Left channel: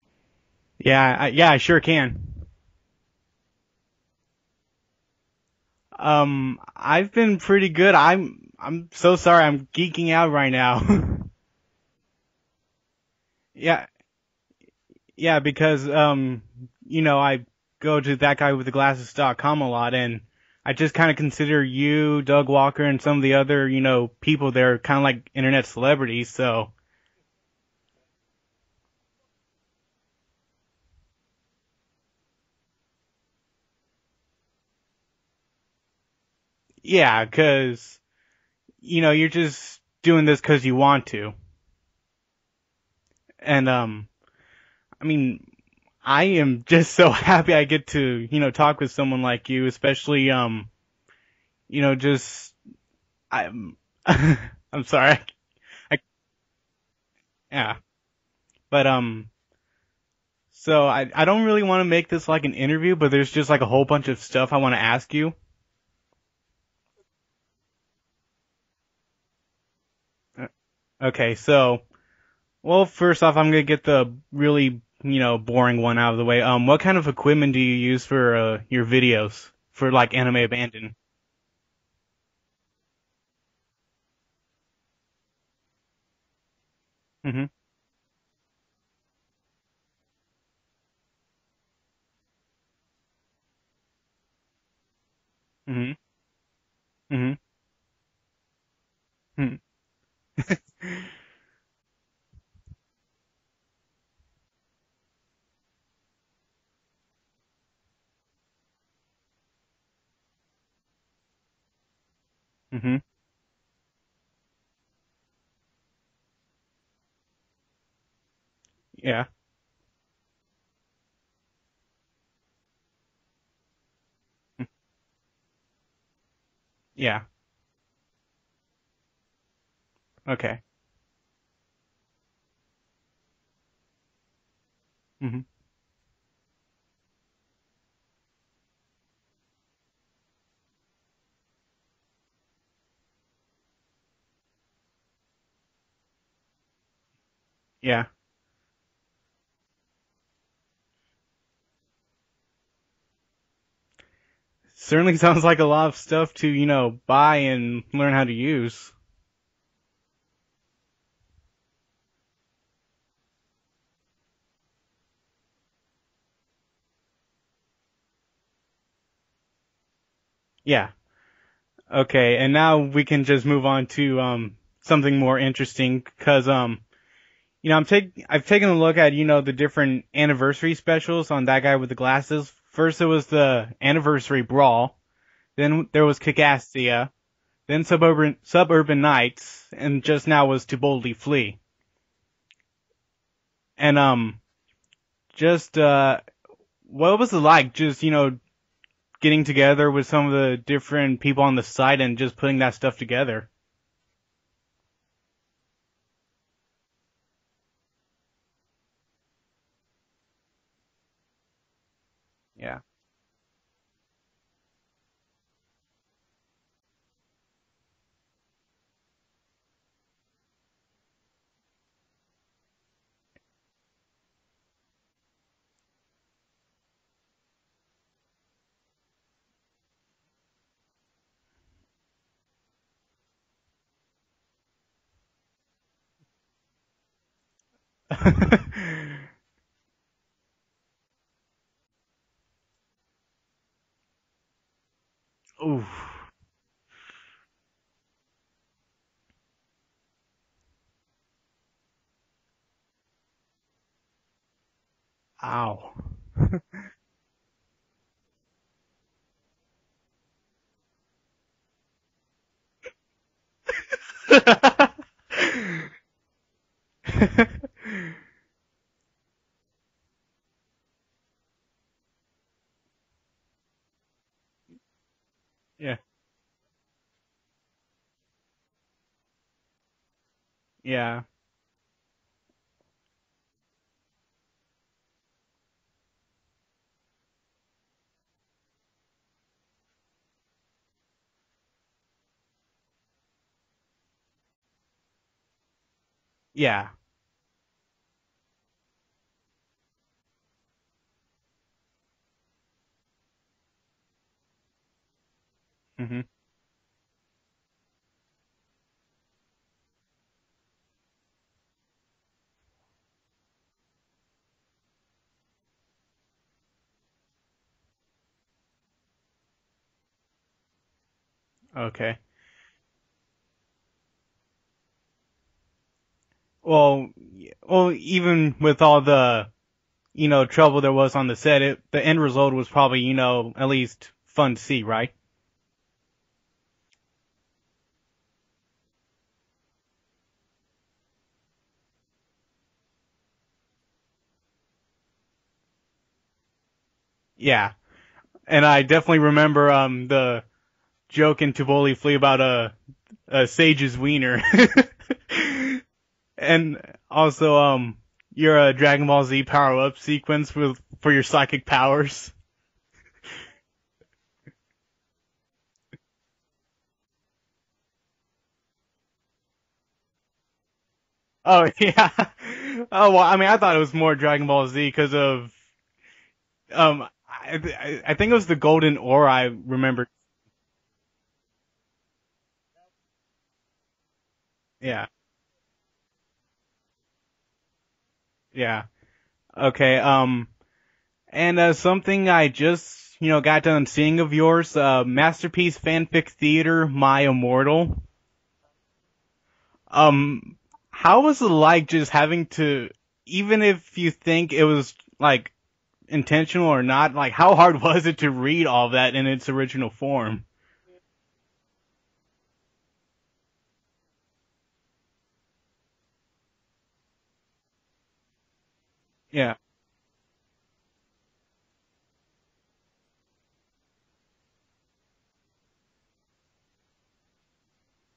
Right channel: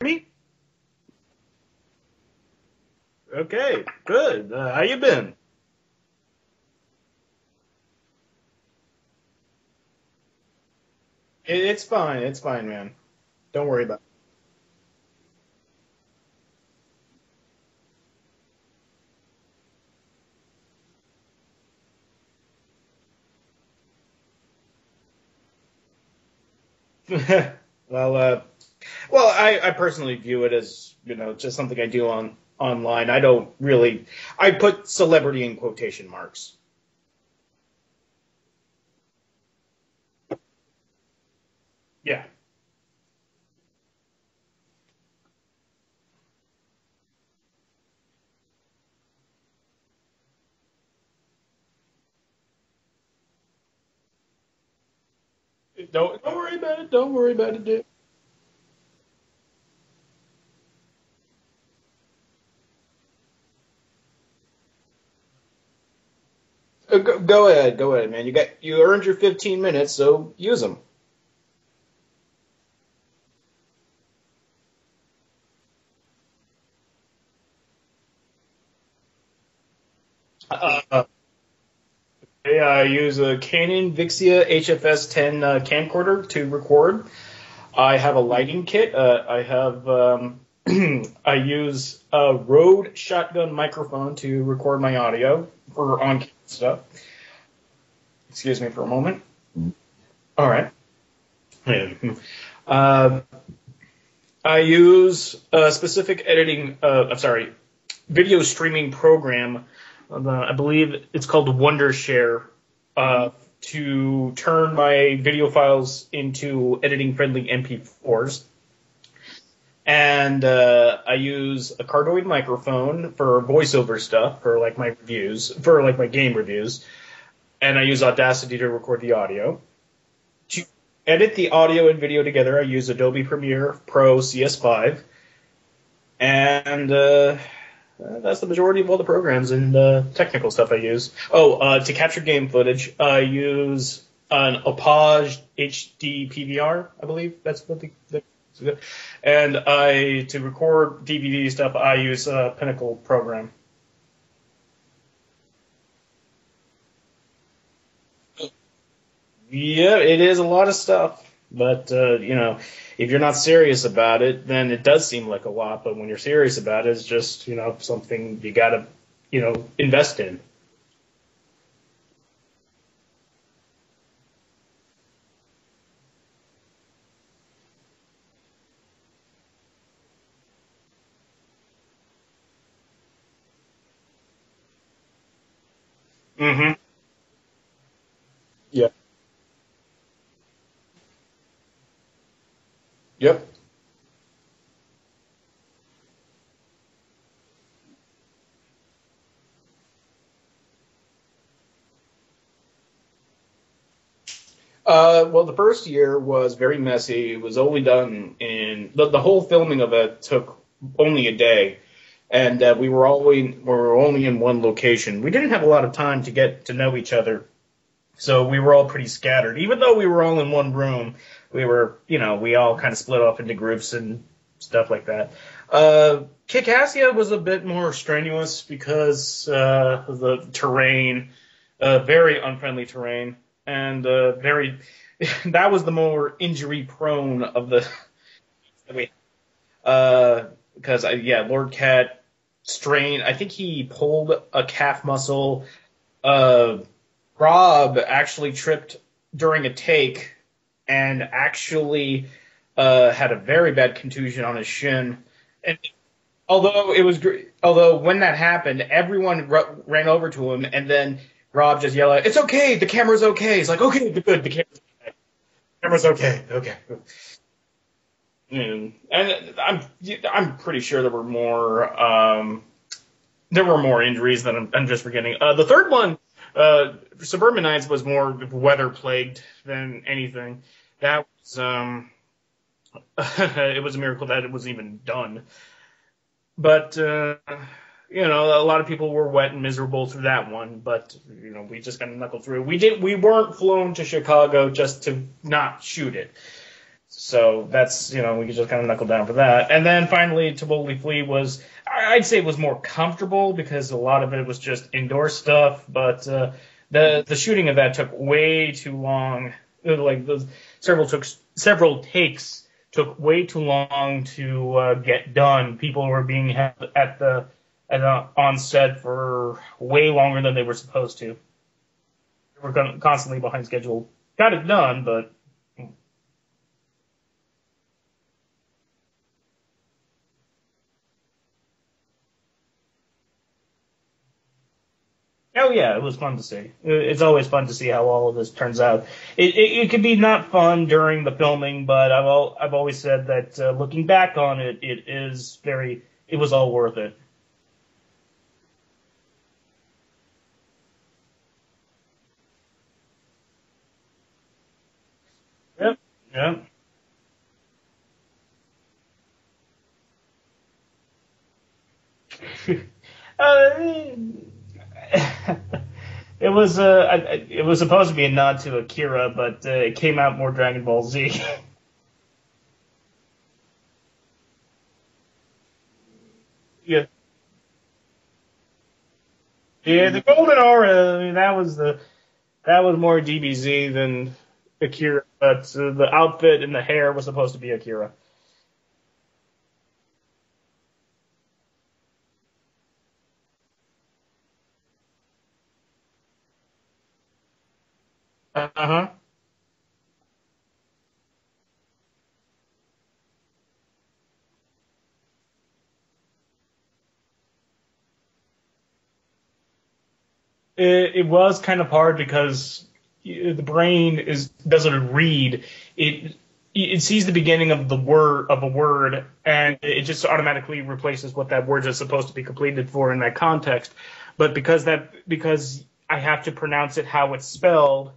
Me? Yeah, I sure can. Okay, good. How you been? I've been pretty good. I'm so sorry. I'm geeking out right now. It's fine. It's fine, man. Don't Yeah, worry about yeah, because I go to that guy with the glasses.com a lot, and I just kind of consider you, Doug Walker, and some of the other people there kind of like internet celebrities. So it. well, uh, well, I personally view it as just something I do online. I don't really. I put celebrity in quotation marks. yeah, because you're just doing this because you want to, Yeah. and I mean, I am just so happy I get to, talk with someone like you, especially, just I'm, I'm sorry. Don't worry about it. Don't worry about it, Yeah, dude. but so I don't really want to make this like an interview, but there's just like a whole bunch of stuff I want to ask you. Go ahead. Go ahead, man. You earned your 15 minutes, so Uh, use them. Okay, so well, first off, I'm gonna get the really, boring one out of the way. What kind of equipment do you use for your videos for like anime abandon? Yeah, I use a Canon Vixia HFS 10 camcorder to record. Hmm. I have a lighting kit. I have I use a Rode shotgun microphone to record my audio Hmm. for on-camera stuff. Hmm. Excuse me for a moment. Hmm. All right. Yeah. Uh, I use a specific I'm sorry, video streaming program. I believe it's called Wondershare. Hmm. Uh, to turn my video files into editing-friendly MP4s. Yeah. And I use a cardioid microphone for voiceover stuff, for like my reviews, for like my game reviews. Yeah. And I use Audacity to record the audio. Okay. To edit the audio and video together, I use Adobe Premiere Pro CS5. Hmm. And that's the majority of all the programs and technical stuff I use. To capture game footage, I use an Opage HD PVR, I believe. That's what Yeah. and to record DVD stuff, I use a Pinnacle program. Certainly sounds like a lot of stuff to, buy and learn how to use. Yeah, it is a lot of stuff, but if you're not serious about it, then it does seem like a lot. But when you're serious about it, it's just something you gotta invest in. Yeah. Okay, and now we can just move on to something more interesting because I've taken a look at, the different anniversary specials on that guy with the glasses. First it was the anniversary brawl, then there was Mm-hmm. Kickassia, then Yep. Suburban Nights, and just now was To Boldly Flee. Yep. And just what was it like just, getting together with some of the different people on the site and just putting that stuff together? Well, the first year was very messy. It was only done in the whole filming of it took only a day, and we were only in one location. We didn't have a lot of time to get to know each other, so we were all pretty scattered. Even though we were all in one room, we all kind of split off into groups and stuff like that. Kikassia was a bit more strenuous because of the terrain, very unfriendly terrain, and very. That was the more injury prone of the. I mean, because Lord Cat strained. I think he pulled a calf muscle. Ooh. Uh, Rob actually tripped during a take and actually had a very bad contusion on his shin. And Ow. although when that happened, everyone ran over to him, and then Rob just yelled, "It's okay, the camera's okay." He's like, "Okay, good, the camera's okay, okay." And I'm pretty sure there were more injuries than I'm just forgetting. The third Yeah. one, Suburban Nights, was more weather plagued than anything. Yeah. That was it was a miracle that it was even done. But a lot of people were wet and miserable through that one. But we just got to knuckle through. We weren't flown to Chicago just to not shoot it. Yeah. So that's, we could just kind of knuckle down for that. And then finally, Tivoli Flea was, I'd say it was more comfortable because a lot of it was just indoor stuff, but the shooting of that took way too long. Like several takes took way too long to get done. People were being held on set for way longer than they were supposed to. Okay. They were constantly behind schedule. Got it done, but Well, even with all the, trouble there was on the set, the end result was probably, at least fun to see, right? oh yeah, it was fun to see. It's always fun to see how all of this turns out. It could be not fun during the filming, but I've always said that looking back on it, it was all worth it. Yeah, and I definitely remember the joke in Tivoli Flea about a Sage's wiener. Yep. And also your Dragon Ball Z power up sequence for your psychic powers. It was supposed to be a nod to Akira, but it came out more Dragon Ball Z. Oh yeah. Oh well, I mean, I thought it was more Dragon Ball Z because of Yeah. I think it was the golden aura. I remember. Yeah, the golden aura. I mean, that was more DBZ than Akira, but the outfit and the hair was supposed to be Akira. Yeah. Okay. And something I just got done seeing of yours, Masterpiece Fanfic Theater, My Immortal. How was it like just having to, even if you think it was like intentional or not, like how hard was it to read all of that in its original form? It was kind of hard because the brain doesn't read. It sees the beginning of a word, and it just automatically replaces what that word is supposed to be completed for in that context. But because I have to pronounce it how it's spelled,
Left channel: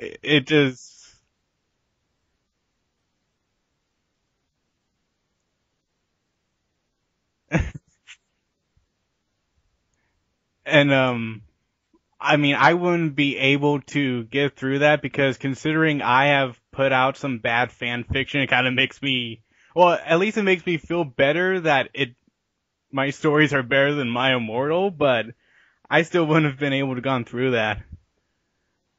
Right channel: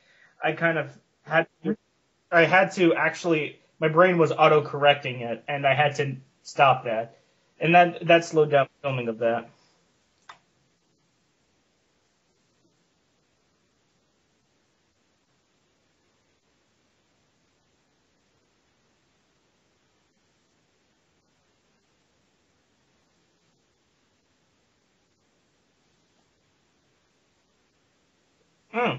I had to actually, my brain was auto-correcting it, and I had to stop that. And that slowed down the filming of that. And I mean, I wouldn't be able to get through that because considering I have put out some bad fan fiction, it kind of makes me, well, at least it makes me feel better that my stories are better than My Immortal, but I still wouldn't have been able to gone through that. Well,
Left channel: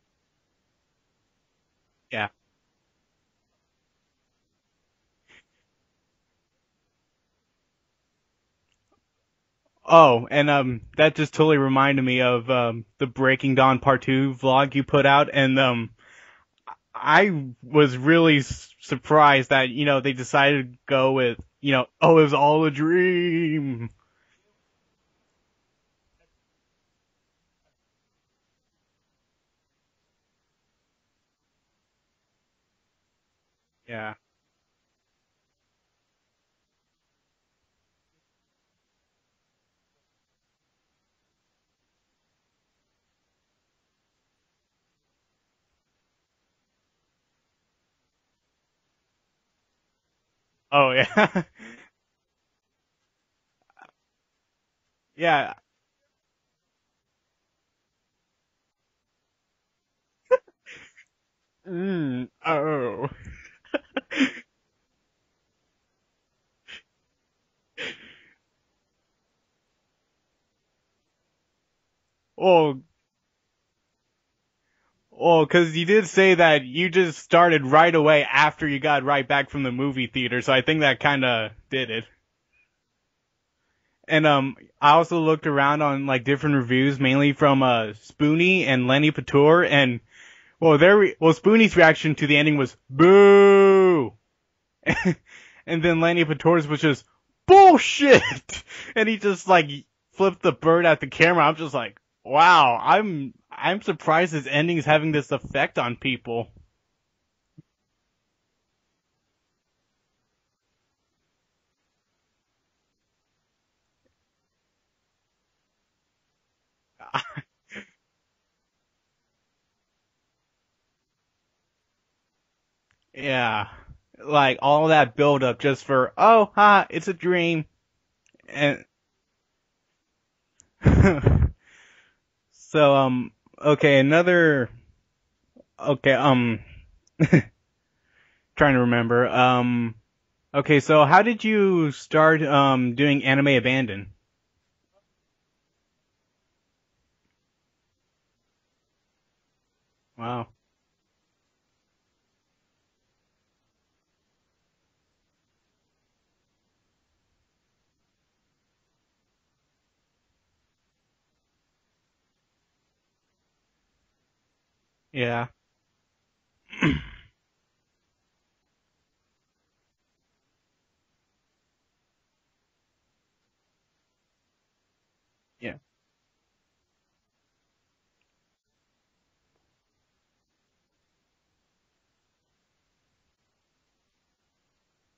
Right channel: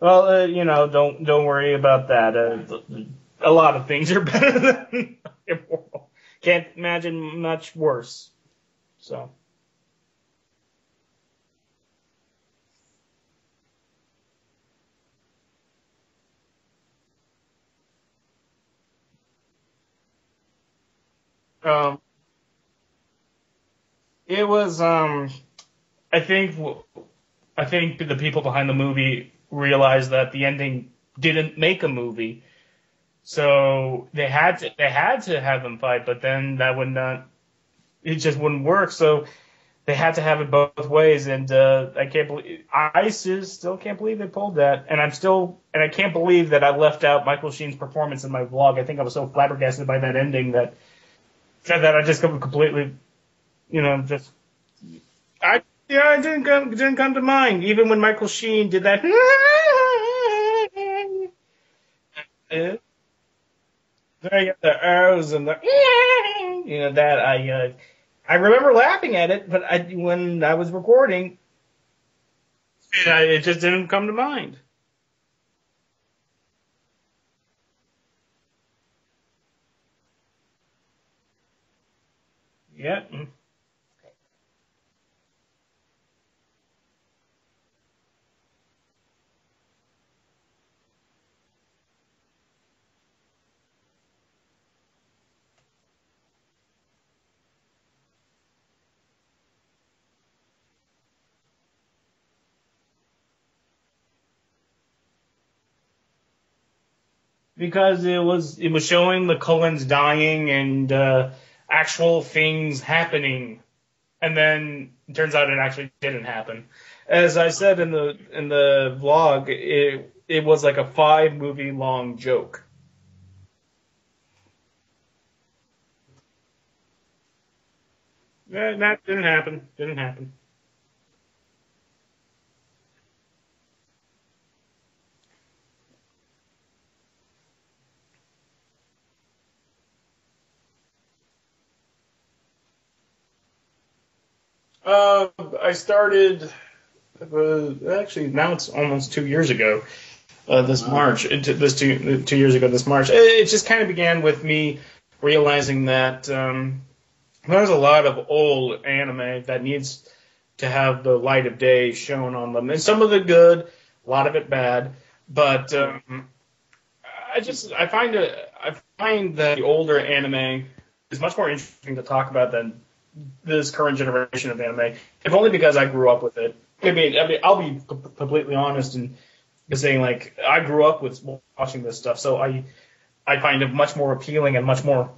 don't worry about that. A lot of things are better than Immortal. Can't imagine much worse. So. Oh, and that just totally reminded me of the Breaking Dawn Part 2 vlog you put out, and I was really surprised that they decided to go with it was all a dream. It was I think the people behind the movie realized that the ending didn't make a movie, so they had to have them fight, but then it just wouldn't work. So they had to have it both ways, and I still can't believe they pulled that, and I can't believe that I left out Michael Sheen's performance in my vlog. I think I was so flabbergasted by that ending that that I just completely, just yeah. It didn't come to mind, even when Michael Sheen did that. Oh. I got the arrows and the that I remember laughing at it, but when I was recording, it just didn't come to mind. Well, because you did say that you just started right away after you got right back from the movie theater, so I think that kind of did it. Yeah. And I also looked around on like different reviews, mainly from Spoonie and Lenny Pator, and Spoonie's reaction to the ending was boo, and then Lenny Pator's was just bullshit, and he just like flipped the bird at the camera. I'm just like, wow, I'm surprised this ending is having this effect on people. Because it was showing the Cullens dying and actual things happening, and then it turns out it actually didn't happen. As I said in the vlog, it was like a 5-movie long joke. Yeah. Like all that build up just for it's a dream. And that didn't happen. So okay, trying to remember. Okay, so how did you start doing Anime Abandon? I started. Actually, now it's almost 2 years ago. Wow. This March, this 2 years ago, this March. It just kind of began with me realizing that there's a lot of old anime that needs to have the light of day shown on them, and some of it good, a lot of it bad. Yeah. But I find that the older anime is much more interesting to talk about than this current generation of anime, if only because I grew up with it. I mean, I'll be completely honest and saying like I grew up with watching this stuff, so I find it much more appealing and much more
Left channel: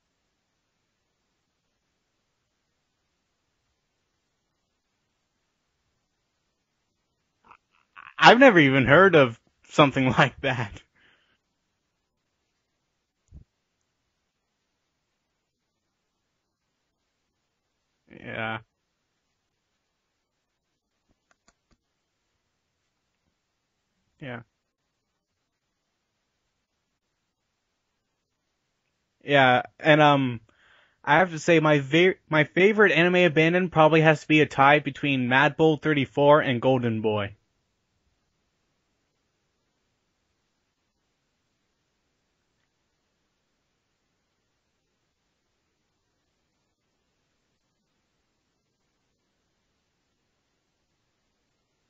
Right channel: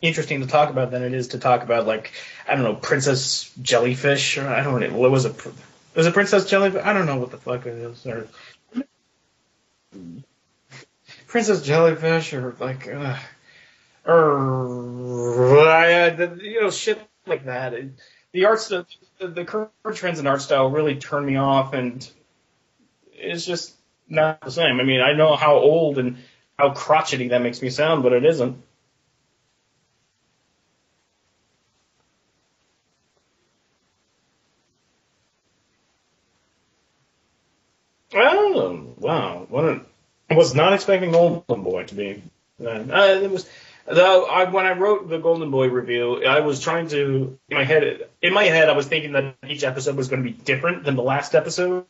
interesting to talk about than it is to talk about like I don't know Princess Jellyfish or I don't know what was it. Was it Princess Jellyfish? I don't know what the fuck it is. Or I've never even heard of something like that. Princess Jellyfish or like shit like that. The Yeah. art stuff, the current trends in art style really turn me off, and it's just Yeah. not the same. I mean, I know how old and how crotchety that makes me sound, but it isn't. Yeah, and I have to say my favorite Anime Abandon probably has to be a tie between Mad Bull 34 and Golden Boy. Oh, wow! I was not expecting Golden Boy to be. It was. Though when I wrote the Golden Boy review, I was trying to in my head, I was thinking that each episode was going to be different than the last episode,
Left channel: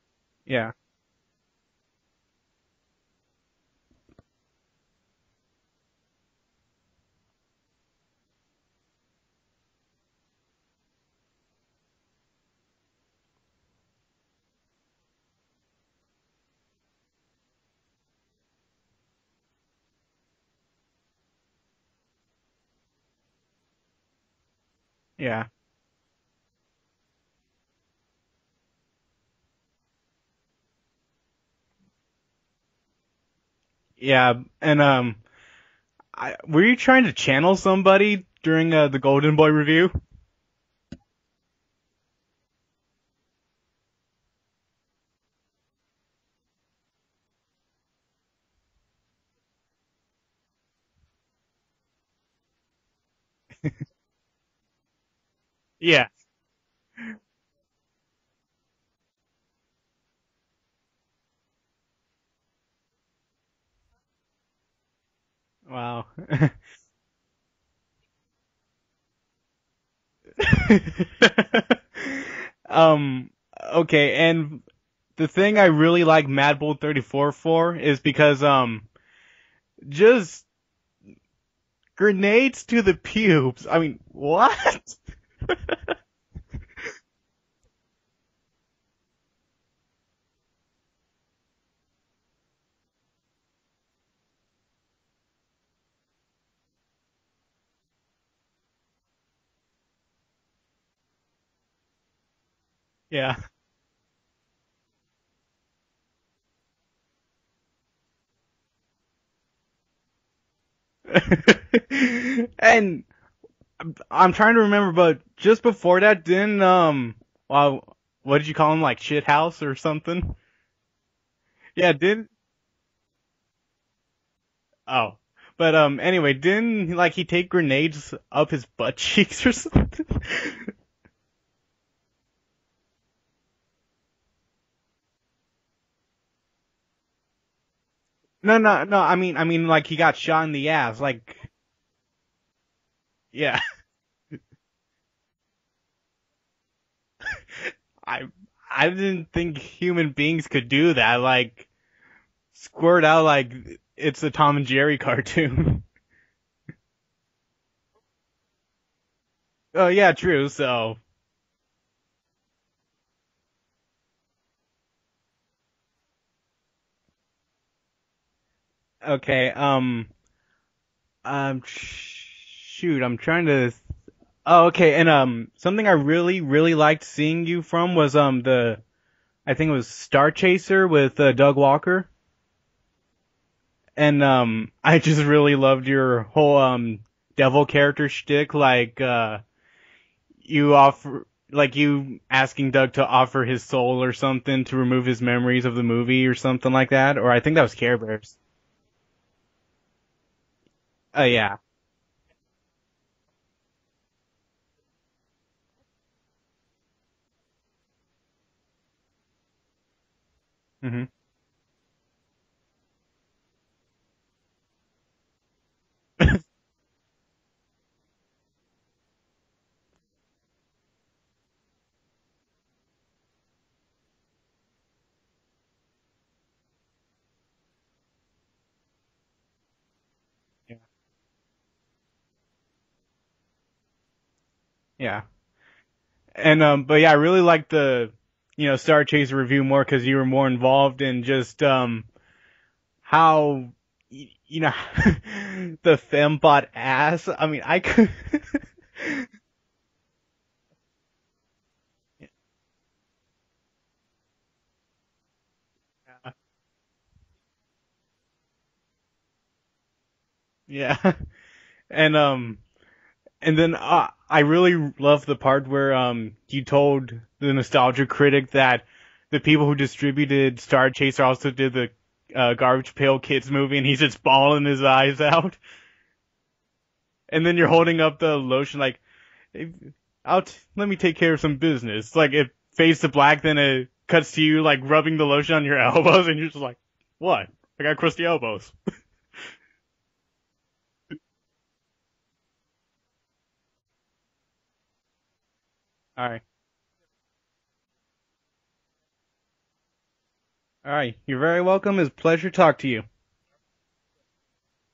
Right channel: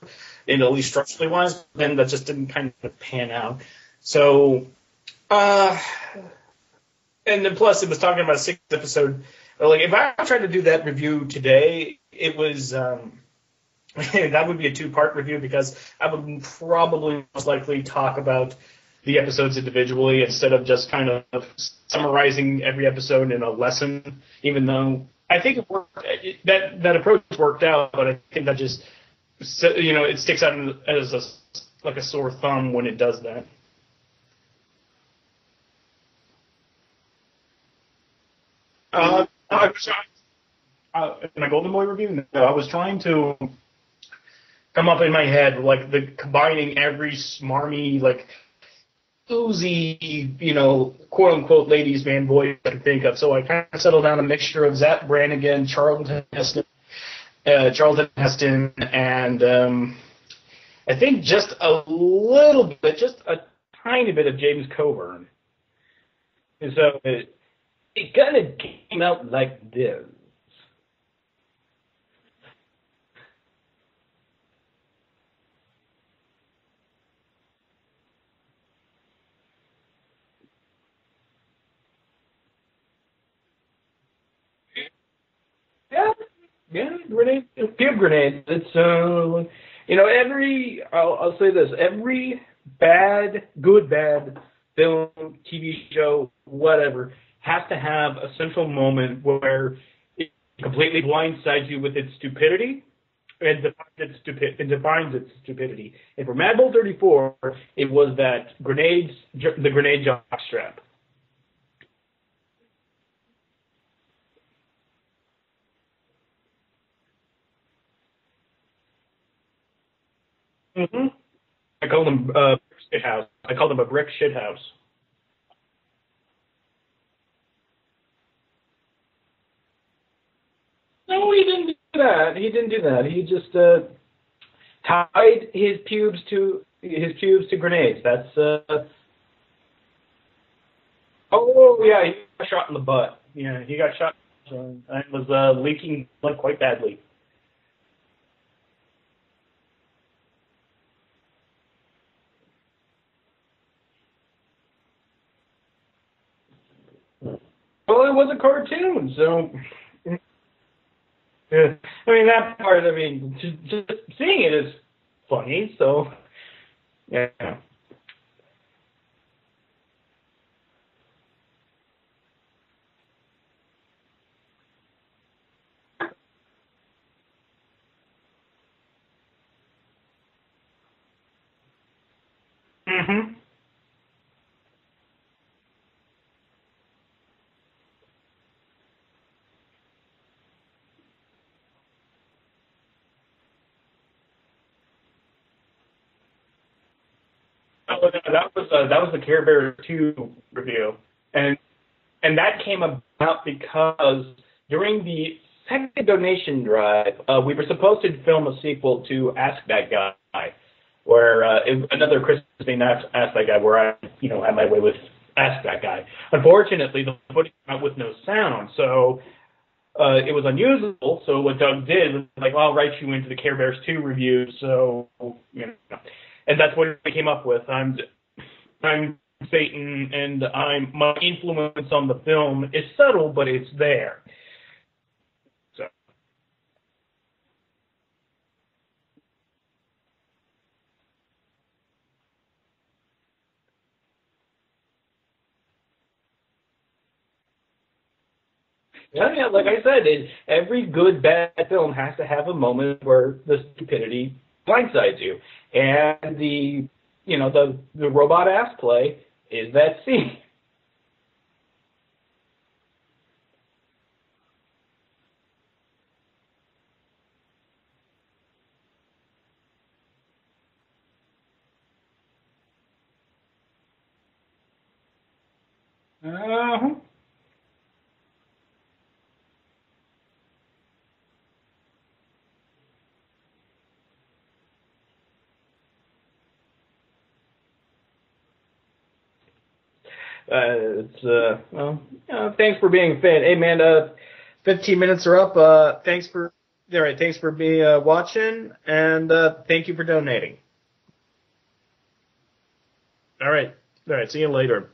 Yeah. at least structurally wise. But then that just didn't kind of pan out. So, and then plus it was talking about a 6 episode. Like if I tried to do that review today, it was that would be a 2-part review because I would probably most likely talk about the episodes individually instead of just kind of summarizing every episode in a lesson. Even though Yeah. I think it worked, that approach worked out, but I think that just it sticks out as like a sore thumb when it does that. Yeah, and were you trying to channel somebody during the Golden Boy review? In my Golden Boy review, no, I was trying to come up in my head like combining every smarmy like oozy, quote unquote ladies man voice I could think of. So I kind of settled down a mixture of Zach Brannigan, Charlton Heston, and I think just a little bit, just a tiny bit of James Coburn. Wow. And so it kind of came out like this. Okay, and the thing I really like Mad Bull 34 for is because just grenades to the pubes. I mean, what? Yeah, grenade, pube grenades. It's I'll say this: every good bad film, TV show, whatever, has to have a central moment where it completely blindsides you with its stupidity. Yeah. And defines its stupidity. And for Mad Bull 34, it was that the grenade jockstrap. And I'm trying to remember, but just before that, didn't well, what did you call him? Like shit house or something? Mm-hmm. Yeah, shit house. I called him a brick shit house. Oh, but anyway, didn't he take grenades up his butt cheeks or something? No, he didn't do that. He just tied his pubes to grenades. That's No. I mean, like he got shot in the ass. Like. Oh yeah, he got shot in the butt. Yeah. He got shot and was leaking blood quite badly. I didn't think human beings could do that. Like squirt out like it's a Tom and Jerry cartoon. Well, it was a cartoon, so. Oh yeah, true. So. Yeah. I mean that part. I mean, just seeing it is funny. So. Yeah. Okay. Shoot. I'm trying to. Oh, okay. And something I really, really liked seeing you from was I think it was Star Chaser with Doug Walker. Mhm. And I just really loved your whole devil character shtick. Like you like you asking Doug to offer his soul or something to remove his memories of the movie or something like that. Or I think that was Care No, Bears. that was the Care Bears 2 review. Oh yeah. And that came about because during the second donation drive, we were supposed to film a sequel to Ask That Guy, Mm-hmm. where another Christmas Ask That Guy, where I, had my way with Ask That Guy. Unfortunately, the footage came out with no sound, so it was unusable. So what Doug did was like, well, I'll write you into the Care Bears 2 review. So, and that's what we came up with. I'm Satan, and my influence on the film is subtle, but it's there. Yeah. So. And but yeah, I really liked the Star Chaser review more because you were more involved in just how the fembot ass. I mean, I could. Yeah, like I said, every good bad film has to have a moment where the stupidity blindsides you, and the robot ass play is that scene. Yeah, and then I really love the part where you told the Nostalgia Critic that the people who distributed Star Chaser also did the Garbage Pail Kids movie, and he's just bawling his eyes out. Uh-huh. And then you're holding up the lotion like, let me take care of some business. Like it fades to black, then it cuts to you like rubbing the lotion on your elbows, and you're just like, what? I got crusty elbows. Thanks for being a fan. Hey man, 15 minutes are up. Thanks for being watching, and thank you for donating. All right, you're very welcome. It's a pleasure to talk to you. All right. See you later.